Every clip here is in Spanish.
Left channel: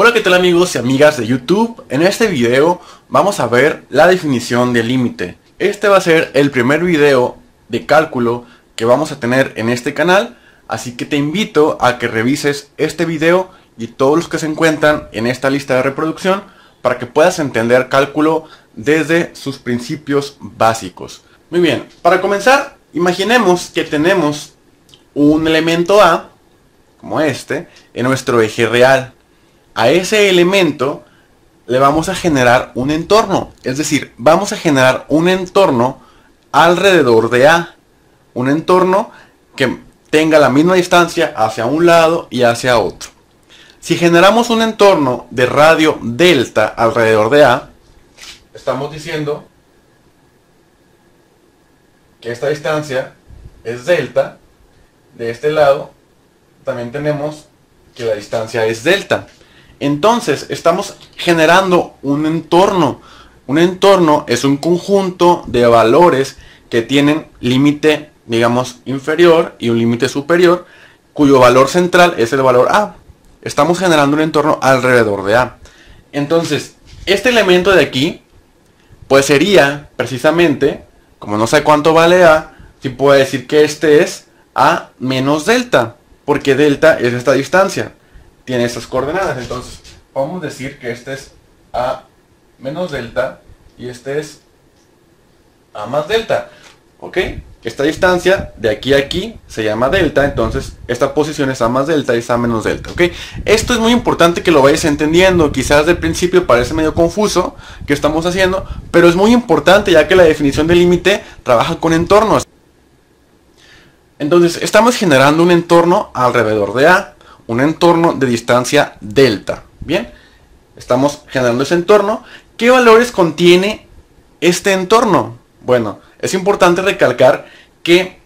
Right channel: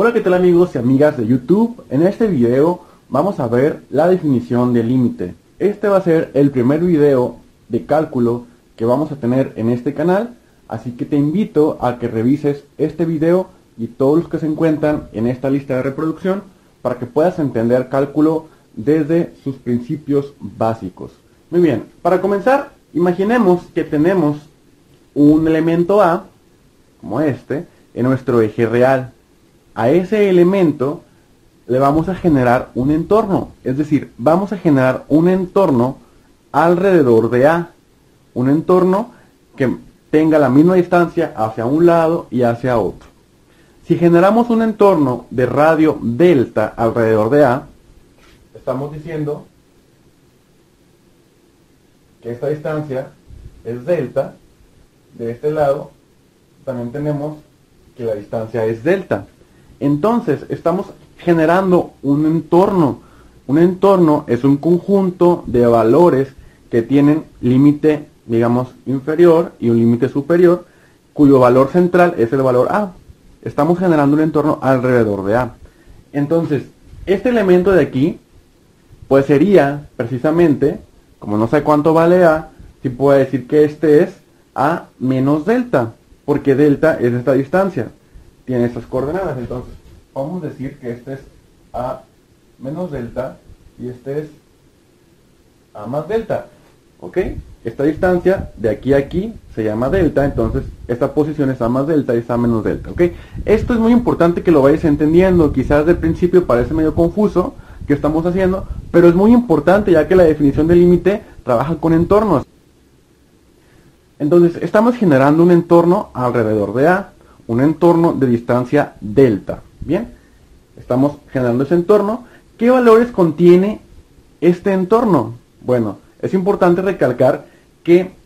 Hola, ¿qué tal amigos y amigas de YouTube? En este video vamos a ver la definición de límite. Este va a ser el primer video de cálculo que vamos a tener en este canal, así que te invito a que revises este video y todos los que se encuentran en esta lista de reproducción para que puedas entender cálculo desde sus principios básicos. Muy bien, para comenzar, imaginemos que tenemos un elemento A, como este, en nuestro eje real. A ese elemento le vamos a generar un entorno, es decir, vamos a generar un entorno alrededor de A, un entorno que tenga la misma distancia hacia un lado y hacia otro. Si generamos un entorno de radio delta alrededor de A, estamos diciendo que esta distancia es delta. De este lado también tenemos que la distancia es delta. Entonces estamos generando un entorno. Un entorno es un conjunto de valores que tienen límite, digamos, inferior y un límite superior, cuyo valor central es el valor A. Estamos generando un entorno alrededor de A. Entonces, este elemento de aquí, pues sería precisamente, como no sé cuánto vale A, si puedo decir que este es A menos delta, porque delta es esta distancia, tiene estas coordenadas. Entonces podemos decir que este es A menos delta y este es A más delta. ¿Ok? Esta distancia de aquí a aquí se llama delta, entonces esta posición es A más delta y es A menos delta. ¿Ok? Esto es muy importante que lo vayas entendiendo. Quizás del principio parece medio confuso qué estamos haciendo, pero es muy importante ya que la definición de límite trabaja con entornos. Entonces estamos generando un entorno alrededor de A, un entorno de distancia delta. Bien, estamos generando ese entorno. ¿Qué valores contiene este entorno? Bueno, es importante recalcar que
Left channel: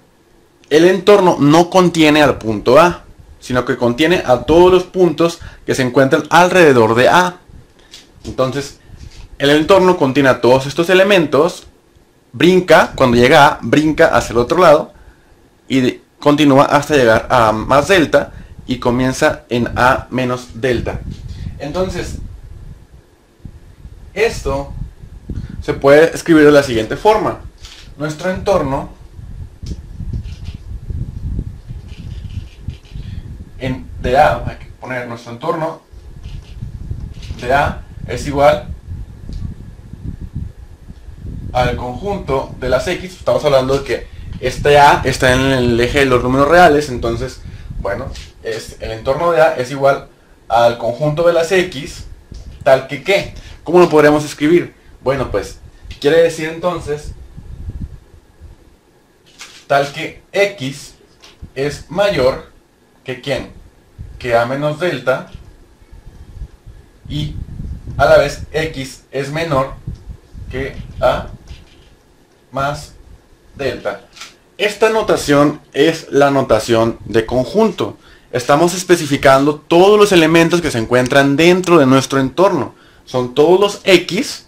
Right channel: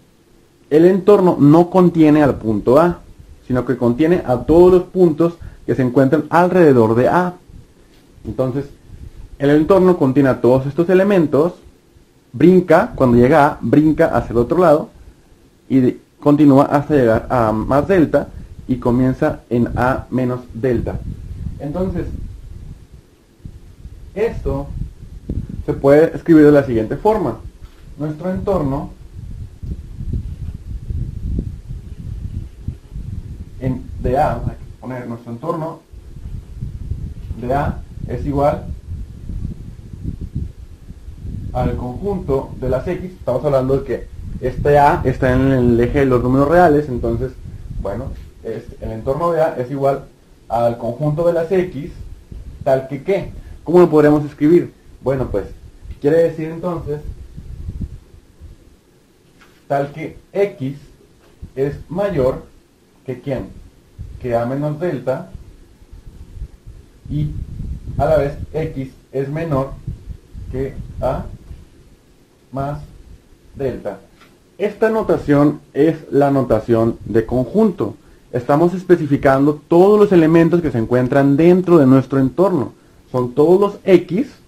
el entorno no contiene al punto A, sino que contiene a todos los puntos que se encuentran alrededor de A. Entonces, el entorno contiene a todos estos elementos, brinca, cuando llega a A, brinca hacia el otro lado, y continúa hasta llegar a A más delta y comienza en A menos delta. Entonces, esto se puede escribir de la siguiente forma. Nuestro entorno de A, hay que poner nuestro entorno de A es igual al conjunto de las X. Estamos hablando de que este A está en el eje de los números reales, entonces, bueno, el entorno de A es igual al conjunto de las X, tal que ¿qué? ¿Cómo lo podremos escribir? Bueno, pues, quiere decir entonces, tal que X es mayor que ¿quién? Que A menos delta, y a la vez X es menor que A más delta. Esta notación es la notación de conjunto. Estamos especificando todos los elementos que se encuentran dentro de nuestro entorno. Son todos los X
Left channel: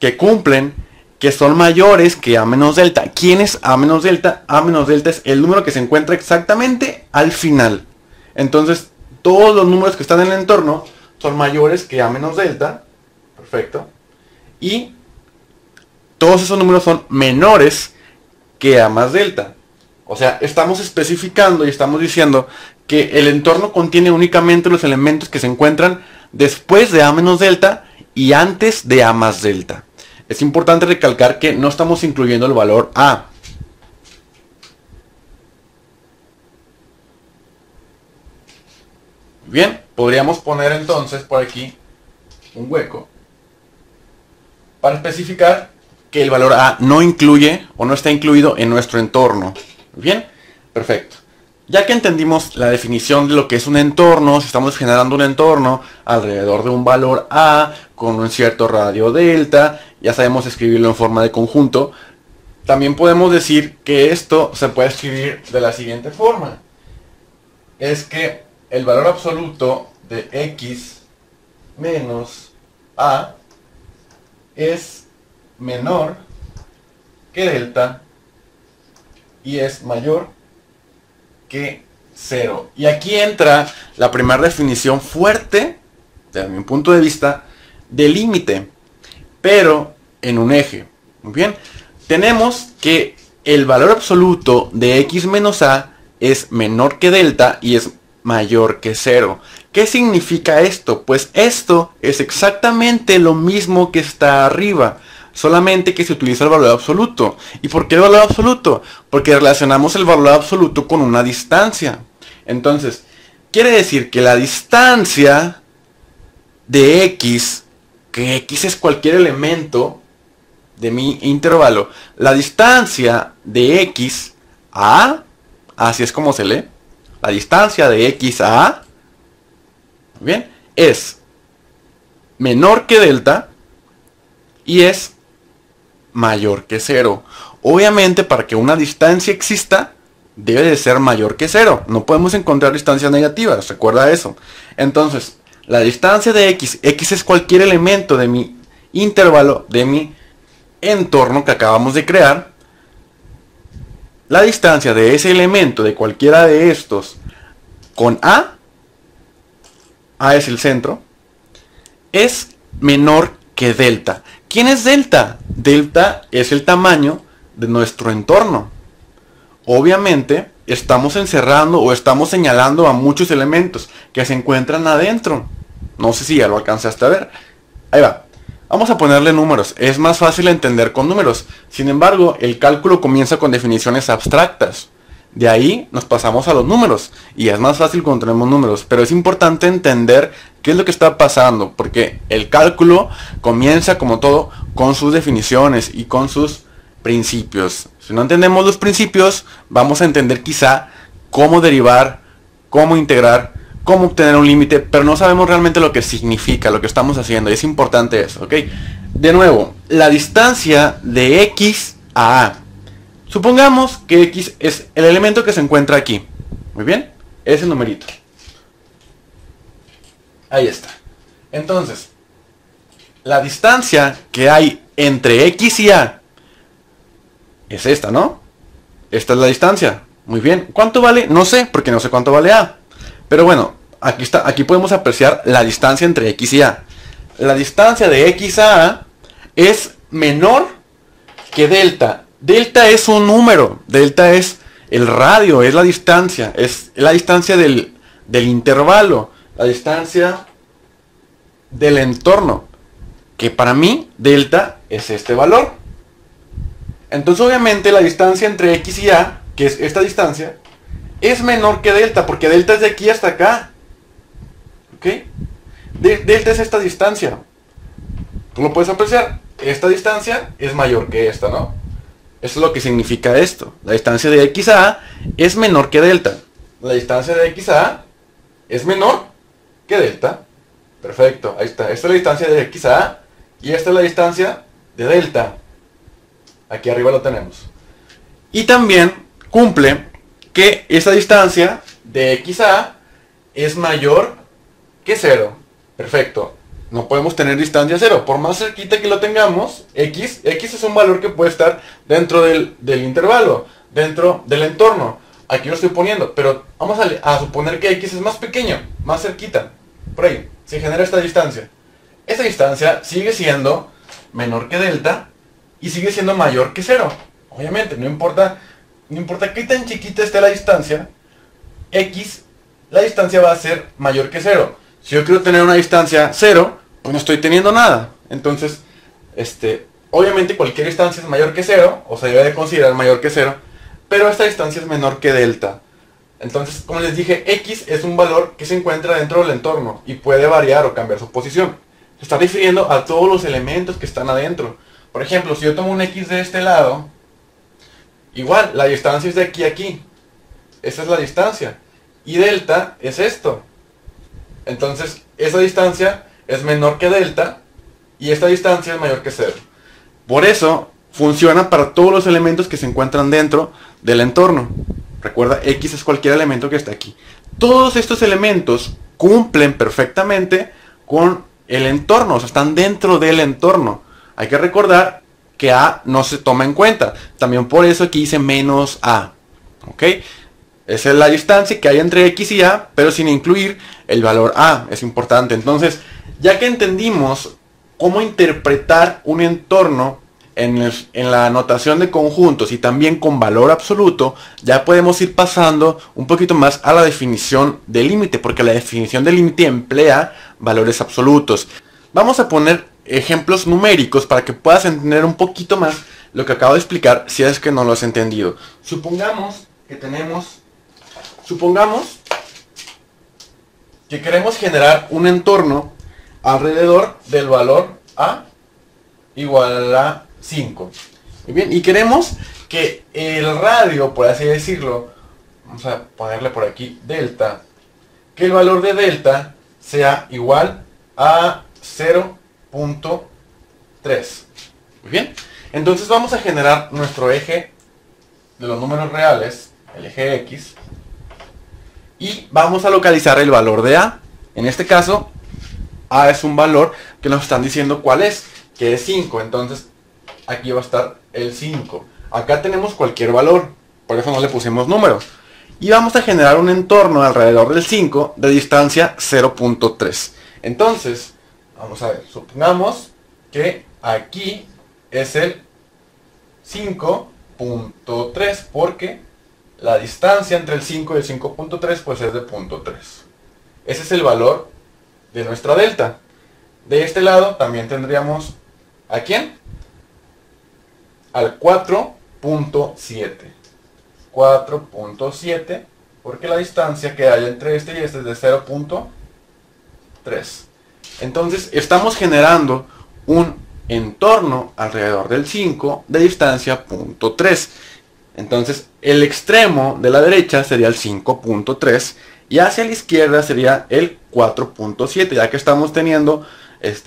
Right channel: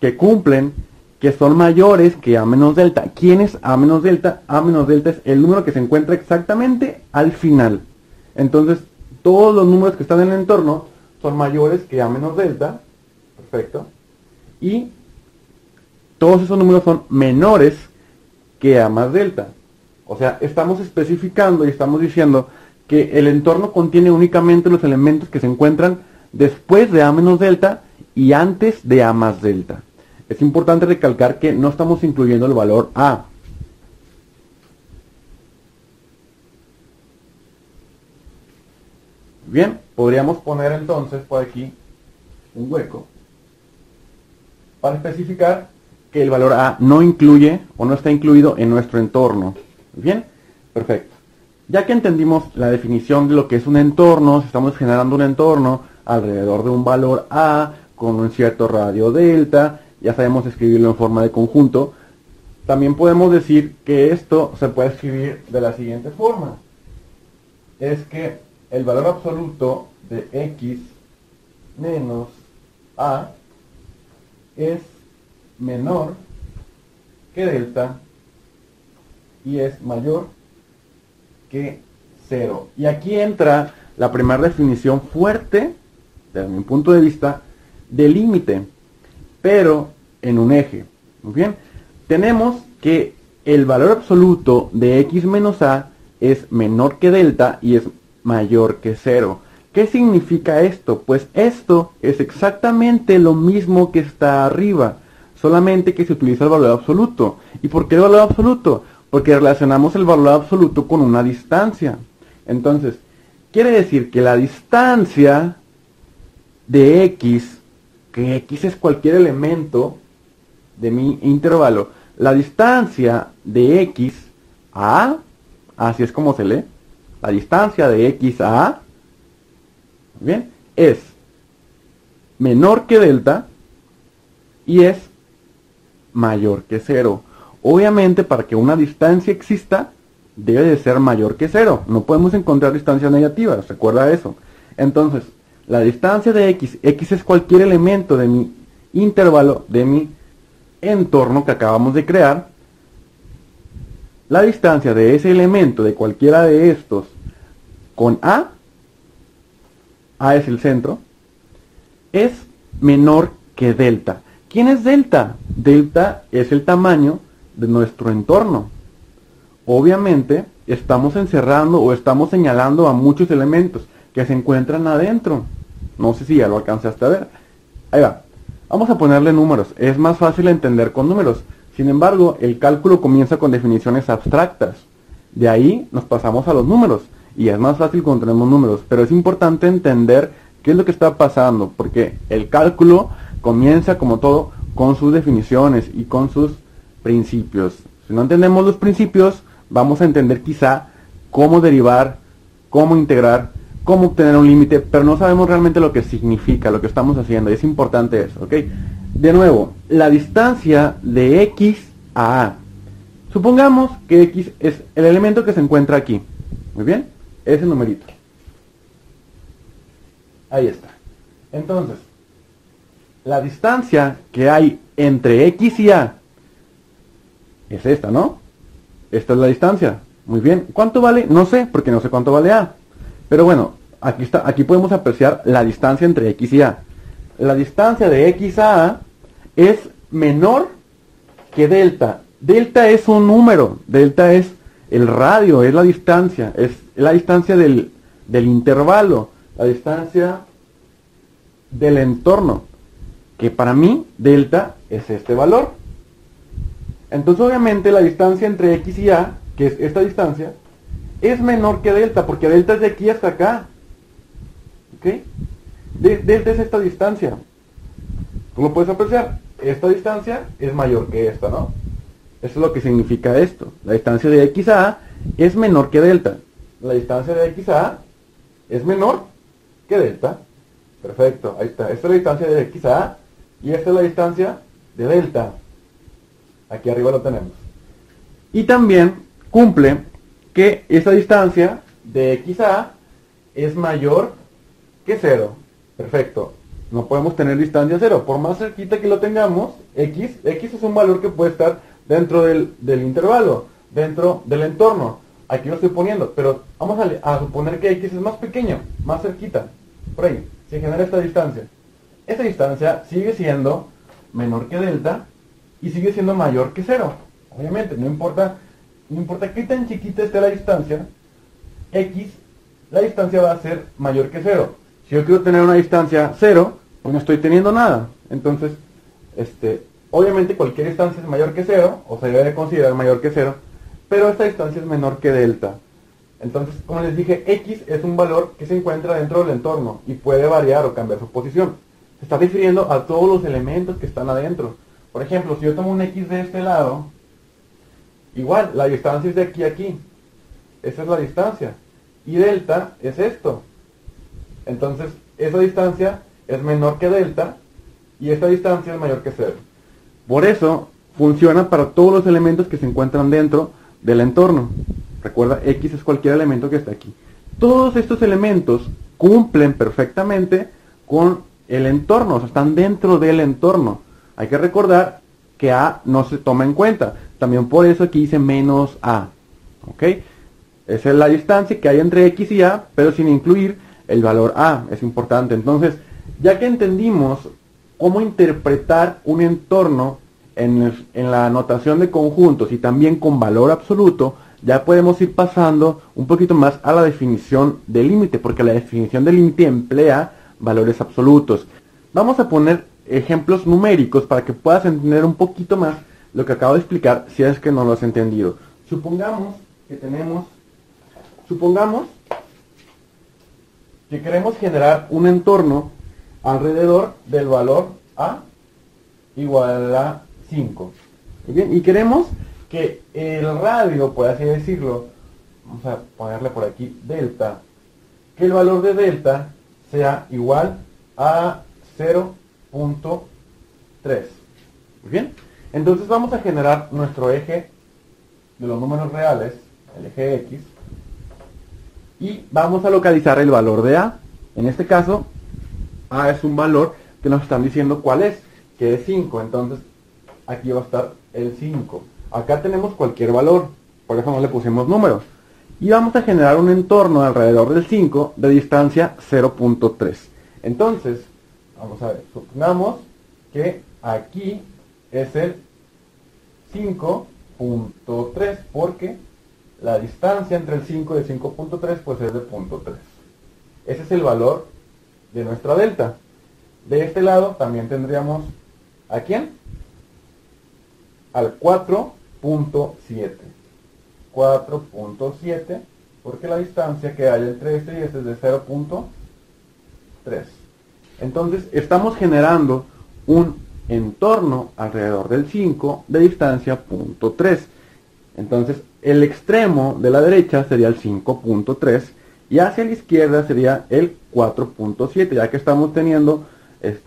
que cumplen, que son mayores que A menos delta. ¿Quién es A menos delta? A menos delta es el número que se encuentra exactamente al final. Entonces, todos los números que están en el entorno son mayores que A menos delta. Perfecto. Y todos esos números son menores que A más delta. O sea, estamos especificando y estamos diciendo que el entorno contiene únicamente los elementos que se encuentran después de A menos delta y antes de A más delta. Es importante recalcar que no estamos incluyendo el valor A. Bien, podríamos poner entonces por aquí un hueco para especificar que el valor A no incluye o no está incluido en nuestro entorno. Bien, perfecto. Ya que entendimos la definición de lo que es un entorno, si estamos generando un entorno alrededor de un valor A con un cierto radio delta, ya sabemos escribirlo en forma de conjunto, también podemos decir que esto se puede escribir de la siguiente forma. Es que el valor absoluto de X menos A es menor que delta y es mayor que 0. Y aquí entra la primera definición fuerte desde mi punto de vista, de límite, pero en un eje. Muy bien, tenemos que el valor absoluto de x menos a es menor que delta y es mayor que 0. ¿Qué significa esto? Pues esto es exactamente lo mismo que está arriba, solamente que se utiliza el valor absoluto. ¿Y por qué el valor absoluto? Porque relacionamos el valor absoluto con una distancia. Entonces, quiere decir que la distancia de x, que x es cualquier elemento de mi intervalo, la distancia de x a a, así es como se lee, la distancia de x a a, bien, es menor que delta y es mayor que 0. Obviamente, para que una distancia exista, debe de ser mayor que 0. No podemos encontrar distancias negativas, recuerda eso. Entonces, la distancia de x es cualquier elemento de mi intervalo, de mi entorno que acabamos de crear. La distancia de ese elemento, de cualquiera de estos, con a es el centro, es menor que delta. ¿Quién es delta? Delta es el tamaño de nuestro entorno. Obviamente estamos encerrando o estamos señalando a muchos elementos que se encuentran adentro. No sé si ya lo alcanzaste a ver. Ahí va. Vamos a ponerle números. Es más fácil entender con números. Sin embargo, el cálculo comienza con definiciones abstractas. De ahí nos pasamos a los números. Y es más fácil cuando tenemos números. Pero es importante entender qué es lo que está pasando. Porque el cálculo comienza, como todo, con sus definiciones y con sus principios. Si no entendemos los principios, vamos a entender quizá cómo derivar, cómo integrar, cómo obtener un límite, pero no sabemos realmente lo que significa, lo que estamos haciendo. Es importante eso, ¿ok? De nuevo, la distancia de x a a. Supongamos que x es el elemento que se encuentra aquí. Muy bien, ese numerito. Ahí está. Entonces, la distancia que hay entre x y a es esta, ¿no? Esta es la distancia. Muy bien. ¿Cuánto vale? No sé, porque no sé cuánto vale a. Pero bueno, aquí está, aquí podemos apreciar la distancia entre x y a. La distancia de x a a es menor que delta. Delta es un número. Delta es el radio, es la distancia. Es la distancia del intervalo. La distancia del entorno. Que para mí, delta es este valor. Entonces obviamente la distancia entre x y a, que es esta distancia, es menor que delta, porque delta es de aquí hasta acá. ¿Ok? Delta es esta distancia. Tú lo puedes apreciar. Esta distancia es mayor que esta, ¿no? Eso es lo que significa esto. La distancia de x a a es menor que delta. La distancia de x a a es menor que delta. Perfecto, ahí está. Esta es la distancia de x a a y esta es la distancia de delta. Aquí arriba lo tenemos. Y también cumple que esta distancia de x a a es mayor que 0. Perfecto. No podemos tener distancia 0. Por más cerquita que lo tengamos, x es un valor que puede estar dentro del intervalo, dentro del entorno. Aquí lo estoy poniendo, pero vamos a suponer que x es más pequeño, más cerquita. Por ahí, se genera esta distancia. Esta distancia sigue siendo menor que delta y sigue siendo mayor que 0. Obviamente, no importa qué tan chiquita esté la distancia, la distancia va a ser mayor que 0. Si yo quiero tener una distancia 0, pues no estoy teniendo nada. Entonces, obviamente cualquier distancia es mayor que 0, o se debe de considerar mayor que 0, pero esta distancia es menor que delta. Entonces, como les dije, x es un valor que se encuentra dentro del entorno y puede variar o cambiar su posición. Se está refiriendo a todos los elementos que están adentro. Por ejemplo, si yo tomo un x de este lado, igual, la distancia es de aquí a aquí. Esa es la distancia. Y delta es esto. Entonces, esa distancia es menor que delta y esta distancia es mayor que 0. Por eso, funciona para todos los elementos que se encuentran dentro del entorno. Recuerda, x es cualquier elemento que está aquí. Todos estos elementos cumplen perfectamente con el entorno, o sea, están dentro del entorno. Hay que recordar que a no se toma en cuenta. También por eso aquí dice menos a. ¿Ok? Esa es la distancia que hay entre X y A, pero sin incluir el valor A. Es importante. Entonces, ya que entendimos cómo interpretar un entorno en la notación de conjuntos y también con valor absoluto, ya podemos ir pasando un poquito más a la definición de límite, porque la definición de límite emplea valores absolutos. Vamos a poner ejemplos numéricos para que puedas entender un poquito más lo que acabo de explicar, si es que no lo has entendido. Supongamos que queremos generar un entorno alrededor del valor A igual a 5. Bien, y queremos que el radio, por así decirlo, vamos a ponerle por aquí delta, que el valor de delta sea igual a 0.3. Bien, entonces vamos a generar nuestro eje de los números reales, el eje X, y vamos a localizar el valor de A. En este caso, A es un valor que nos están diciendo cuál es, que es 5. Entonces, aquí va a estar el 5. Acá tenemos cualquier valor, por eso no le pusimos números. Y vamos a generar un entorno alrededor del 5 de distancia 0.3. Entonces, vamos a ver, supongamos que aquí es el 5.3, porque la distancia entre el 5 y el 5.3 pues es de 0.3. Ese es el valor de nuestra delta. De este lado también tendríamos ¿a quién? Al 4.7. 4.7, porque la distancia que hay entre este y este es de 0.3. Entonces estamos generando un entorno alrededor del 5 de distancia 0.3. Entonces el extremo de la derecha sería el 5.3 y hacia la izquierda sería el 4.7, ya que estamos teniendo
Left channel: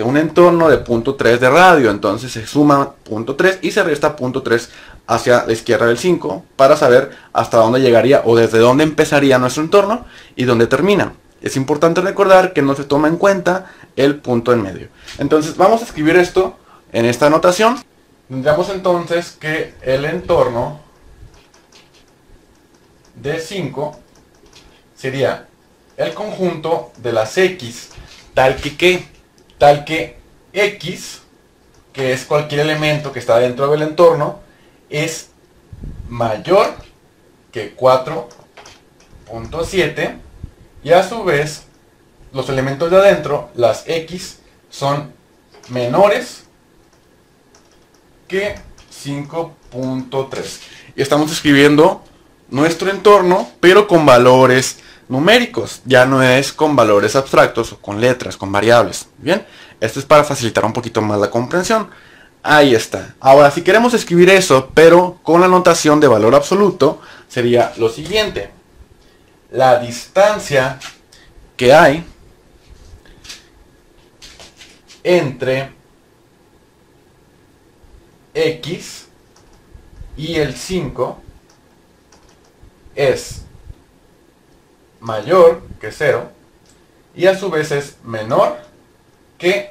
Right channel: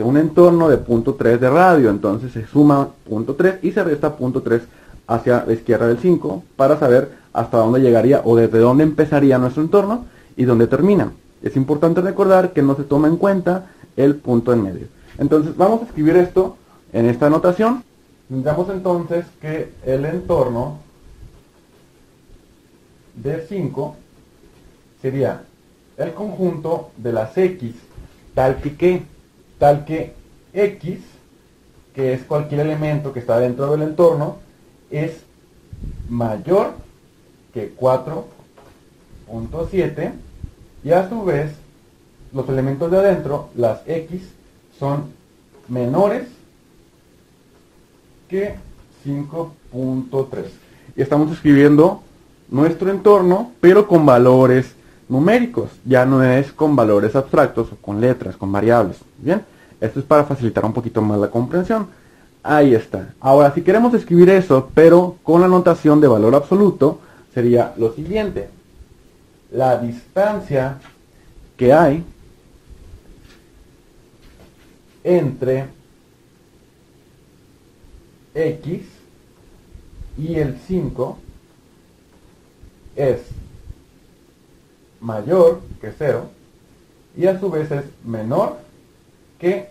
un entorno de 0.3 de radio. Entonces se suma 0.3 y se resta 0.3 hacia la izquierda del 5 para saber hasta dónde llegaría o desde dónde empezaría nuestro entorno y dónde termina. Es importante recordar que no se toma en cuenta el punto en medio. Entonces vamos a escribir esto en esta notación. Tendríamos entonces que el entorno de 5 sería el conjunto de las X tal que X, que es cualquier elemento que está dentro del entorno, es mayor que 4.7 y a su vez los elementos de adentro, las X, son menores que 5.3. Y estamos escribiendo nuestro entorno, pero con valores numéricos, ya no es con valores abstractos o con letras, con variables. Bien, esto es para facilitar un poquito más la comprensión. Ahí está. Ahora, si queremos escribir eso, pero con la notación de valor absoluto, sería lo siguiente: la distancia que hay entre X y el 5 es mayor que 0 y a su vez es menor que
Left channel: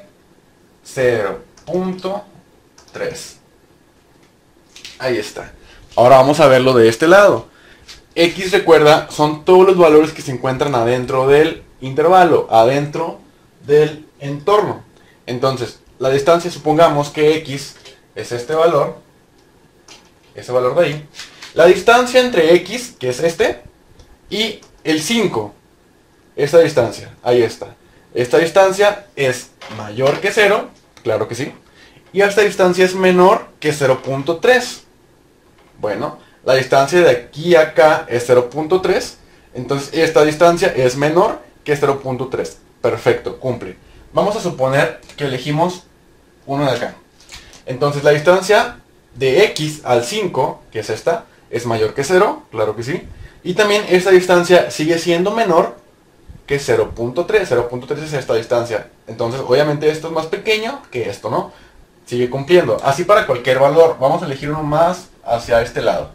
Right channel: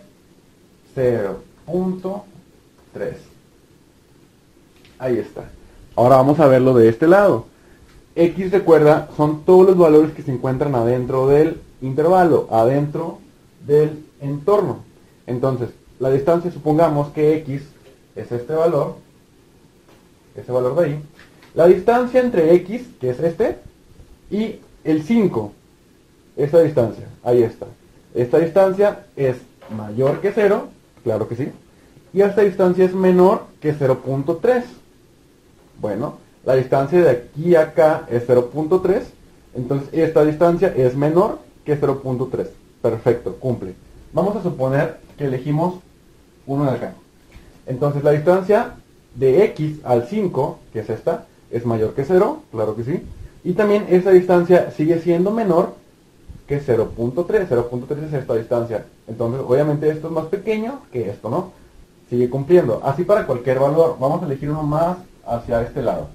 0.3. Ahí está. Ahora vamos a verlo de este lado. X, recuerda, son todos los valores que se encuentran adentro del intervalo, adentro del entorno. Entonces, la distancia, supongamos que X es este valor, ese valor de ahí. La distancia entre X, que es este, y el 5, esta distancia, ahí está. Esta distancia es mayor que 0, claro que sí. Y esta distancia es menor que 0.3. Bueno, la distancia de aquí a acá es 0.3. Entonces esta distancia es menor que 0.3. Perfecto, cumple. Vamos a suponer que elegimos uno de acá. Entonces la distancia de X al 5, que es esta, es mayor que 0, claro que sí. Y también esta distancia sigue siendo menor que 0.3. 0.3 es esta distancia. Entonces obviamente esto es más pequeño que esto, ¿no? Sigue cumpliendo. Así para cualquier valor. Vamos a elegir uno más hacia este lado.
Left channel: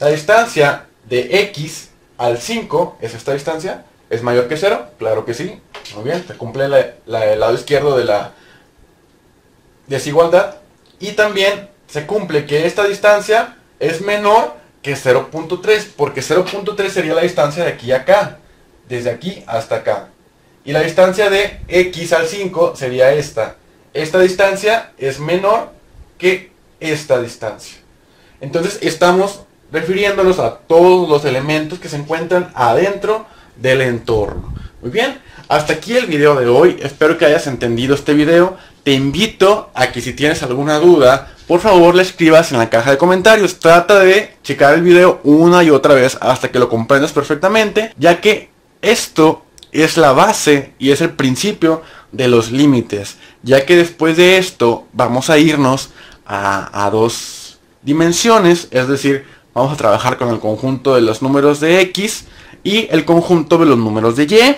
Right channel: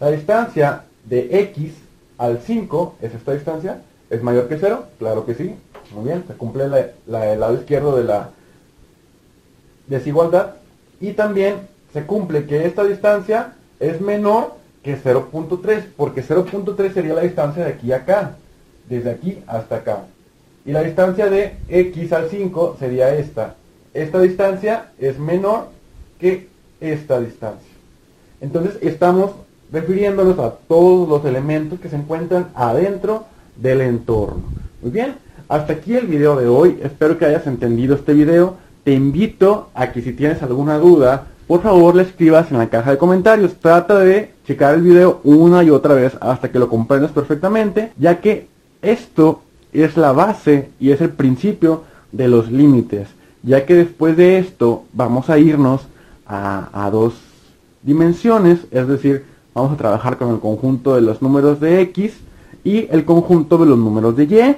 La distancia de X al 5 es esta distancia. ¿Es mayor que 0? Claro que sí. Muy bien, se cumple el lado izquierdo de la desigualdad. Y también se cumple que esta distancia es menor que 0.3, porque 0.3 sería la distancia de aquí a acá, desde aquí hasta acá. Y la distancia de x al 5 sería esta. Esta distancia es menor que esta distancia. Entonces estamos refiriéndonos a todos los elementos que se encuentran adentro del entorno. Muy bien, hasta aquí el video de hoy. Espero que hayas entendido este video. Te invito a que si tienes alguna duda, por favor le escribas en la caja de comentarios. Trata de checar el video una y otra vez hasta que lo comprendas perfectamente, ya que esto es la base y es el principio de los límites, ya que después de esto vamos a irnos a dos dimensiones, es decir, vamos a trabajar con el conjunto de los números de x y el conjunto de los números de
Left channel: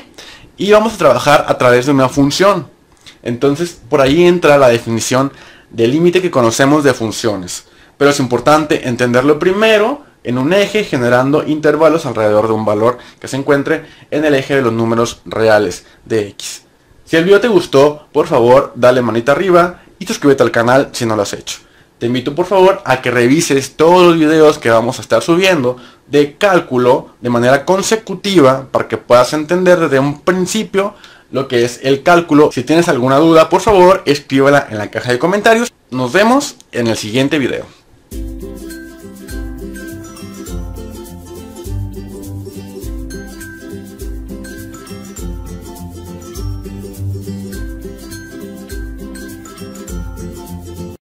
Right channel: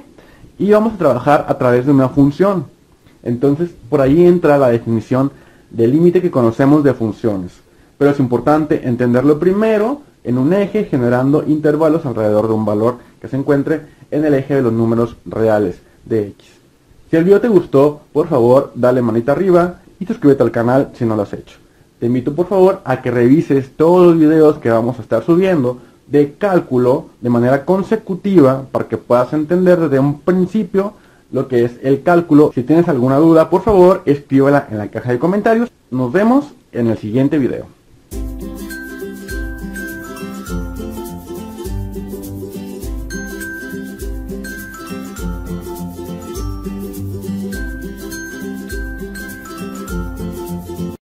y vamos a trabajar a través de una función. Entonces por ahí entra la definición del límite que conocemos de funciones, pero es importante entenderlo primero en un eje, generando intervalos alrededor de un valor que se encuentre en el eje de los números reales de x. Si el video te gustó, por favor dale manita arriba y suscríbete al canal si no lo has hecho. Te invito por favor a que revises todos los videos que vamos a estar subiendo de cálculo de manera consecutiva para que puedas entender desde un principio lo que es el cálculo. Si tienes alguna duda, por favor escríbela en la caja de comentarios. Nos vemos en el siguiente video.